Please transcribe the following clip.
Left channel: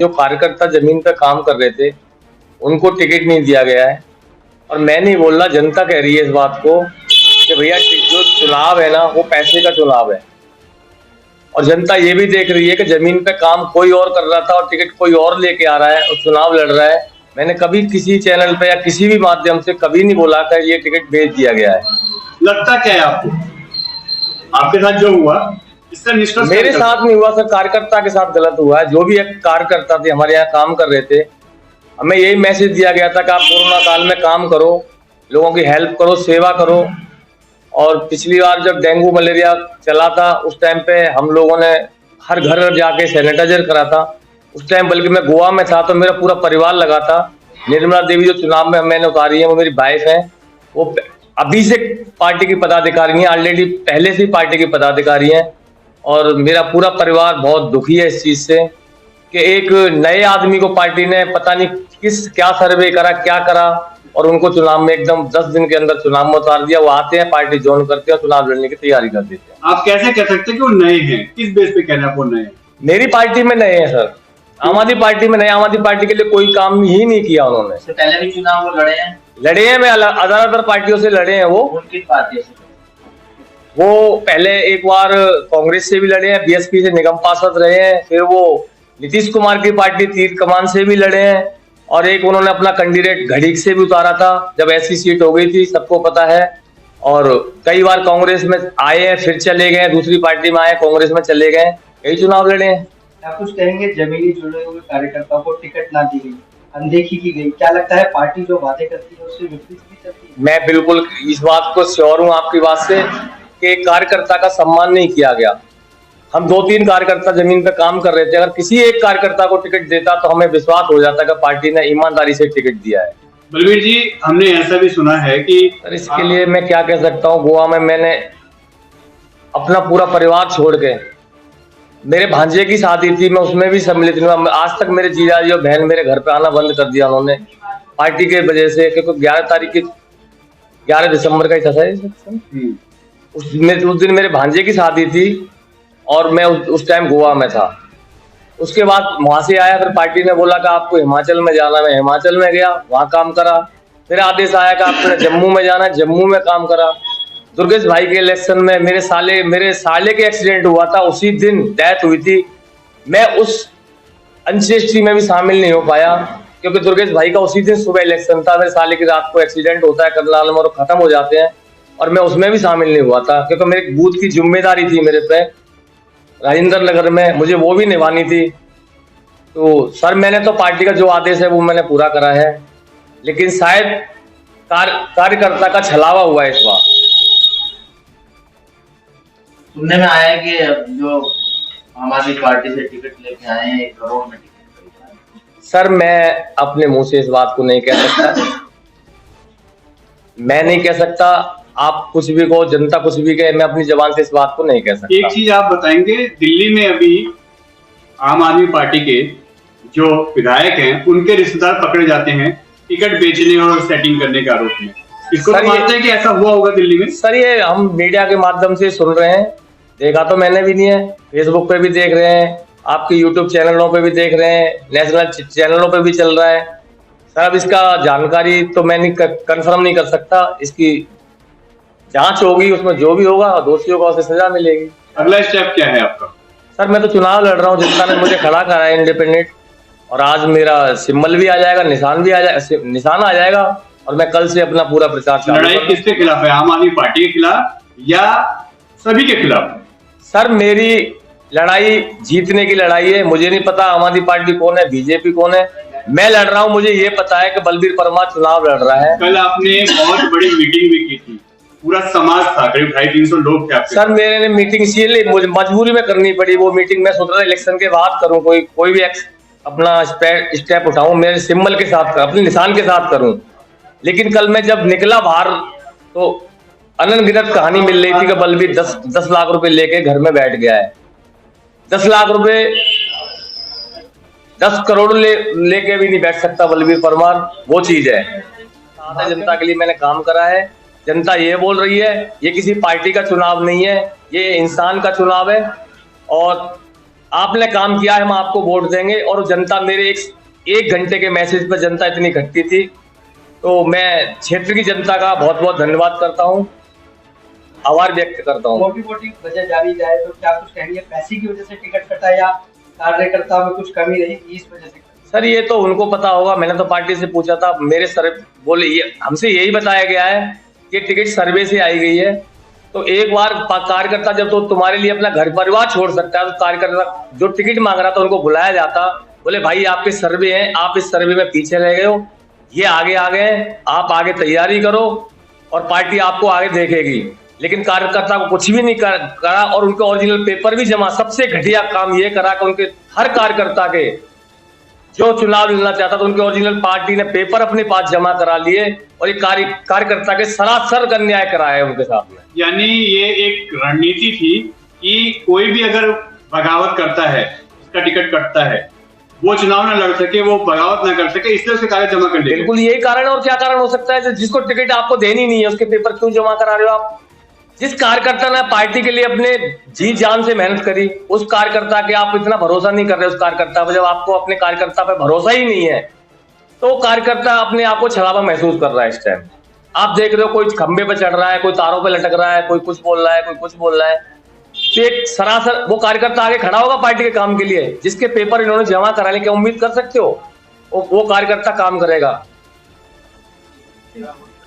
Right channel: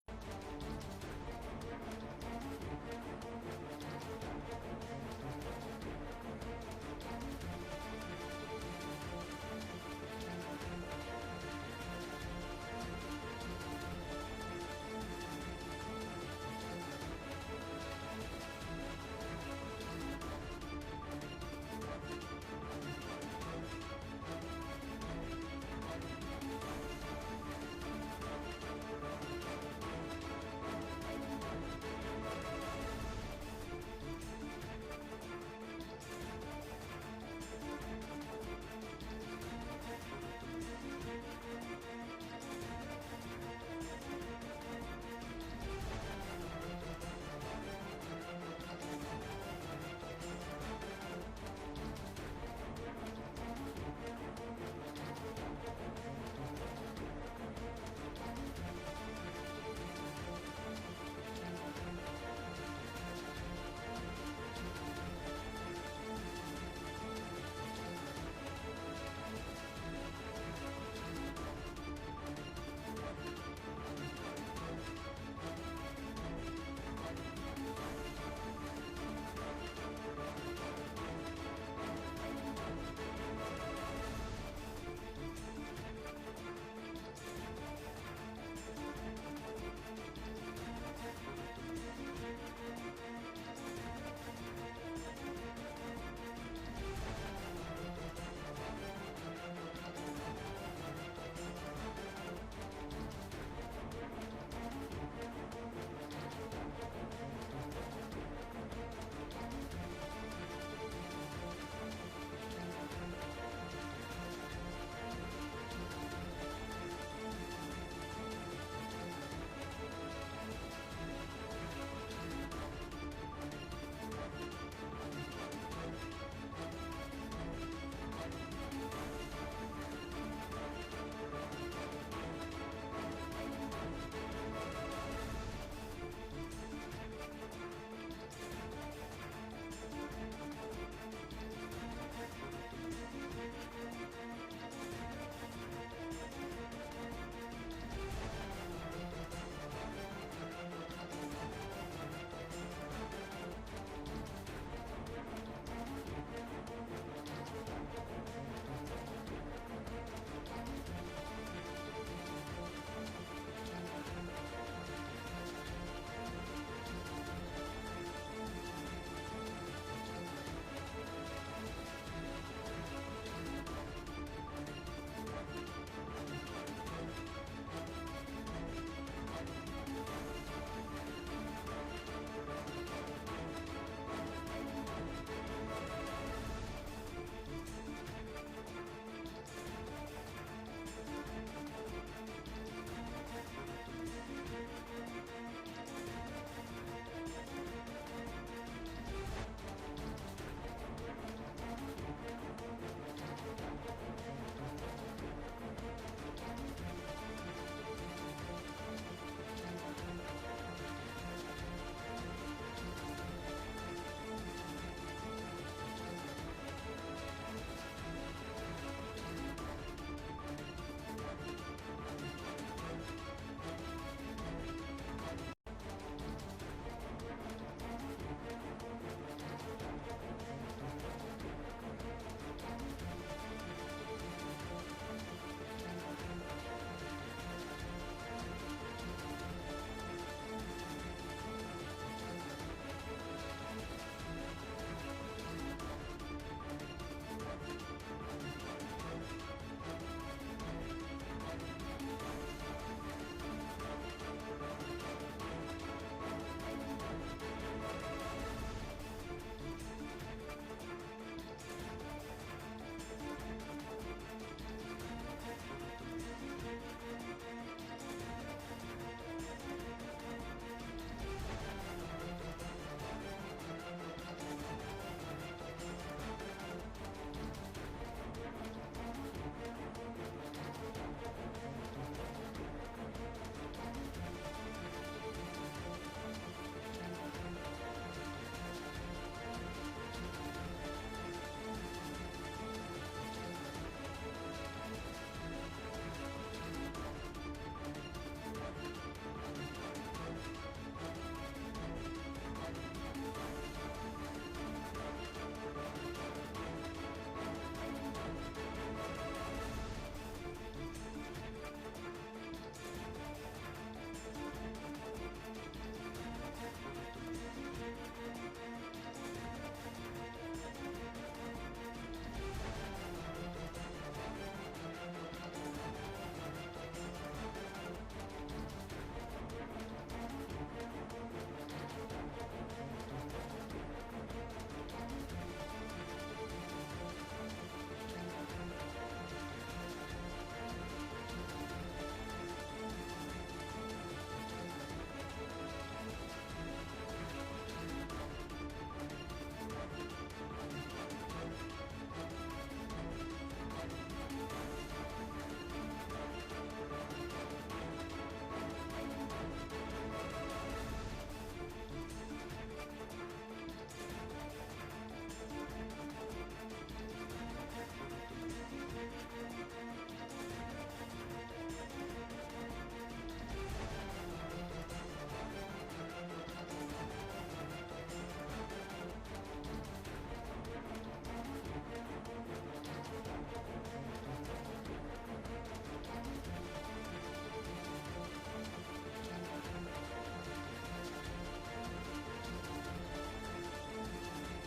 जो कार्यकर्ता जमीन पर काम कर रहे थे उनको टिकट नहीं दिया गया है। और मैं नहीं बोल रहा, जनता कह रही है इस बात को कि भैया जो चुनाव है ना वो पैसे का चुनाव है। और जनता ये भी देख रही है कि जमीन पे काम कोई और कर रहा था और टिकट कोई और लेके आ रहा है और चुनाव लड़ रहा है। मैंने कभी किसी चैनल पे या किसी भी माध्यम से कभी नहीं बोला कि ये टिकट भेज दिया गया है। लगता क्या है आपको, आपके साथ जो हुआ इसका निष्कर्ष मेरे साथ नहीं हुआ सर, कार्यकर्ता के साथ गलत हुआ है। जो भी एक कार्यकर्ता थे हमारे यहाँ काम कर रहे थे, हमें यही मैसेज दिया गया था कि आप कोरोना काल में काम करो, लोगों की हेल्प करो, सेवा करो। और पिछली बार जब डेंगू मलेरिया चला था उस टाइम पे हम लोगों ने हर घर जाके सैनिटाइजर करा था। उस टाइम बल्कि मैं गोवा में था तो मेरा पूरा परिवार लगा था। निर्मला देवी जो चुनाव में मैंने उतारी है वो मेरी वाइफ है, वो अभी से पार्टी की पदाधिकारी है, ऑलरेडी पहले से ही पार्टी की पदाधिकारी है। और मेरा पूरा परिवार बहुत दुखी है इस चीज से कि एक नए आदमी को पार्टी ने पता नहीं क्या सर्वे करा, क्या करा और उनको चुनाव में एकदम 10 दिन के अंदर चुनाव में उतार दिया। वो आते हैं, पार्टी ज्वाइन करते हैं, चुनाव लड़ने की तैयारी कर देते हैं। आप कैसे कह सकते हैं कि वो नए हैं? किस बेस पे कह रहे हैं आप वो नए हैं? मेरी पार्टी में नए हैं सर, आम आदमी पार्टी में नए। आम आदमी पार्टी के लिए कोई काम ही नहीं किया उन्होंने। इससे पहले भी चुनाव वो लड़े हैं मैं अदर पार्टियों से लड़े हैं। वो किस पार्टी से? वो पहले एक बार कांग्रेस से भी लड़े हैं, बीएसपी से निगम पार्षद रहे हैं, फिर वो नीतीश कुमार की पार्टी तीर कमान से भी लड़े हैं और एक उन्होंने अपना कैंडिडेट घड़ीक से भी उतारा था जब ऐसी सीट हो गई थी, सबको पता है। और कई बार कांग्रेस में आए हैं, फिर चले गए, दूसरी पार्टी में आए, कांग्रेस में चले गए, कई चुनाव लड़े हैं। आप कुछ कहेंगे, जमीनी जुड़े हुए कार्यकर्ताओं को टिकट ना दी गई, अनदेखी की गई, क्या लगता है पार्टी जो वादे करती है उससे विपरीत भी करती है? मैं बिल्कुल इस बात को श्योर हूं आपकी बात से कि कार्यकर्ता का सम्मान नहीं किया गया। हम 2-3 कार्यकर्ता जमीन पे काम कर रहे थे, अगर किसी एक कार्यकर्ता को टिकट देता तो हमें विश्वास हो जाता कि पार्टी ने ईमानदारी से टिकट दिया है। बलबीर जी, हमने ऐसा भी सुना है कि सर इसके लिए मैं क्या कह सकता हूँ, गोवा में मैंने अपना पूरा परिवार छोड़ के, मेरे भांजे की शादी थी, मैं उसमें भी सम्मिलित हुआ। आज तक मेरे जीजाजी और बहन मेरे घर पे आना बंद कर दिया उन्होंने पार्टी के वजह से, क्योंकि 11 दिसंबर का ही था उस दिन मेरे भांजे की शादी थी और मैं उस टाइम गोवा में था। उसके बाद वहां से आया, फिर पार्टी ने बोला कि आपको हिमाचल में जाना, मैं हिमाचल में गया, वहां काम करा। फिर आदेश आया कि आपको जम्मू में जाना, जम्मू में काम करा। दुर्गेश भाई के इलेक्शन में मेरे साले के एक्सीडेंट हुआ था, उसी दिन डेथ हुई थी। मैं उस अंत्येष्टि में भी शामिल नहीं हो पाया क्योंकि दुर्गेश भाई का उसी दिन सुबह इलेक्शन था, मेरे साले की रात को एक्सीडेंट होता है करनाल में और खत्म हो जाते हैं, और मैं उसमें भी शामिल नहीं हुआ था क्योंकि मेरे बूथ की जिम्मेदारी थी मेरे पे राजेंद्र नगर में, मुझे वो भी निभानी थी। तो सर मैंने तो पार्टी का जो आदेश है वो मैंने पूरा करा है, लेकिन शायद कार्यकर्ता का छलावा हुआ है इस बार। सुनने में आया है कि जो आम आदमी पार्टी से टिकट लेके आए हैं 1 करोड़ में टिकट। सर मैं अपने मुंह से इस बात को नहीं कह सकता, मैं नहीं कह सकता। आप कुछ भी कहो, जनता कुछ भी कहे, मैं अपनी जबान से इस बात को नहीं कह सकता। एक चीज आप बताएंगे, दिल्ली में अभी आम आदमी पार्टी के जो विधायक हैं उनके रिश्तेदार पकड़े जाते हैं टिकट बेचने और सेटिंग करने के आरोप में। इसको तो मानते हैं कि ऐसा हुआ होगा दिल्ली में? सर ये हम मीडिया के माध्यम से सुन रहे हैं, देखा तो मैंने भी नहीं है। फेसबुक पे भी देख रहे हैं, आपके यूट्यूब चैनलों पे भी देख रहे हैं, नेशनल चैनलों पे भी चल रहा है। सर अब इसका जानकारी तो मैं नहीं कंफर्म नहीं कर सकता। इसकी जांच होगी, उसमें जो भी होगा दोषियों को उसे सजा मिलेगी। अगला स्टेप क्या है आपका? सर मैं तो चुनाव लड़ रहा हूँ, जनता ने मुझे खड़ा करा है इंडिपेंडेंट, और आज मेरा सिंबल भी आ जाएगा, निशान आ जाएगा और मैं कल से अपना पूरा प्रचार चालू लड़ाई किसके खिलाफ है, आम आदमी पार्टी के खिलाफ या सभी के खिलाफ? सर मेरी लड़ाई जीतने की लड़ाई है। मुझे नहीं पता आम आदमी पार्टी कौन है, बीजेपी कौन है, मैं लड़ रहा हूँ। मुझे ये पता है कि बलबीर परमार चुनाव लड़ रहा है। कल आपने बहुत बड़ी मीटिंग भी की थी, पूरा समाज था, करीब 250-300 लोग थे आपके। सर मेरे मीटिंग इसलिए मुझे मजबूरी में करनी पड़ी वो मीटिंग। मैं सोच रहा था इलेक्शन के बाद करूं, कोई भी अपना स्टेप उठाऊं, मेरे सिंबल के साथ, अपने निशान के साथ करूं। लेकिन कल मैं जब निकला बाहर तो अनगिनत कहानी मिल रही थी कि बलबीर 10 लाख रुपए लेके घर में बैठ गया है। 10 लाख रुपए, 10 करोड़ लेके भी नहीं बैठ सकता बलबीर परमार, वो चीज है। जनता के लिए मैंने काम करा है। जनता ये बोल रही है ये किसी पार्टी का चुनाव नहीं है, ये इंसान का चुनाव है। और आपने काम किया है, हम आपको वोट देंगे। और जनता मेरे एक घंटे के मैसेज पर जनता इतनी इकट्ठी थी, तो मैं क्षेत्र की जनता का बहुत बहुत धन्यवाद करता हूँ, आभार व्यक्त करता हूँ। मोटी मोटी वजह जानी जाए तो क्या कुछ कहेंगे, पैसे की वजह से टिकट कटा या कार्यकर्ता में कुछ कमी रही इस वजह से? सर ये तो उनको पता होगा, मैंने तो पार्टी से पूछा था, मेरे सर बोले हमसे यही बताया गया है कि टिकट सर्वे से आई गई है। तो एक बार कार्यकर्ता जब तो तुम्हारे लिए अपना घर परिवार छोड़ सकता है, तो कार्यकर्ता जो टिकट मांग रहा था उनको बुलाया जाता, बोले भाई आपके सर्वे हैं, आप इस सर्वे में पीछे रह गए हो, ये आगे आ गए, आप आगे तैयारी करो और पार्टी आपको आगे देखेगी। लेकिन कार्यकर्ता को कुछ भी नहीं करा और उनके ओरिजिनल पेपर भी जमा। सबसे घटिया काम ये करा कि उनके हर कार्यकर्ता के जो चुनाव लड़ना चाहता था उनके ओरिजिनल पार्टी ने पेपर अपने पास जमा करा लिए और ये कार्यकर्ता के सरासर अन्याय कराया है उनके साथ में। यानी ये एक रणनीति थी कि कोई भी अगर बगावत करता है, उसका टिकट कटता है, वो चुनाव ना लड़ सके, वो बगावत ना कर सके, इसलिए उसके कागज जमा कर ले। बिल्कुल यही कारण है, और क्या कारण हो सकता है? जिसको टिकट आपको देनी नहीं है उसके पेपर क्यों जमा करा रहे हो आप? जिस कार्यकर्ता ने पार्टी के लिए अपने जी जान से मेहनत करी, उस कार्यकर्ता के आप इतना भरोसा नहीं कर रहे उस कार्यकर्ता पर। जब आपको अपने कार्यकर्ता पर भरोसा ही नहीं है तो कार्यकर्ता अपने आप को छलावा महसूस कर रहा है इस टाइम। आप देख रहे हो कोई खंबे पे चढ़ रहा है, कोई तारों पे लटक रहा है, कोई कुछ बोल रहा है, कोई कुछ बोल रहा है। तो एक सरासर वो कार्यकर्ता आगे खड़ा होगा पार्टी के काम के लिए, जिसके पेपर इन्होंने जमा कराने की उम्मीद कर सकते हो वो कार्यकर्ता काम करेगा?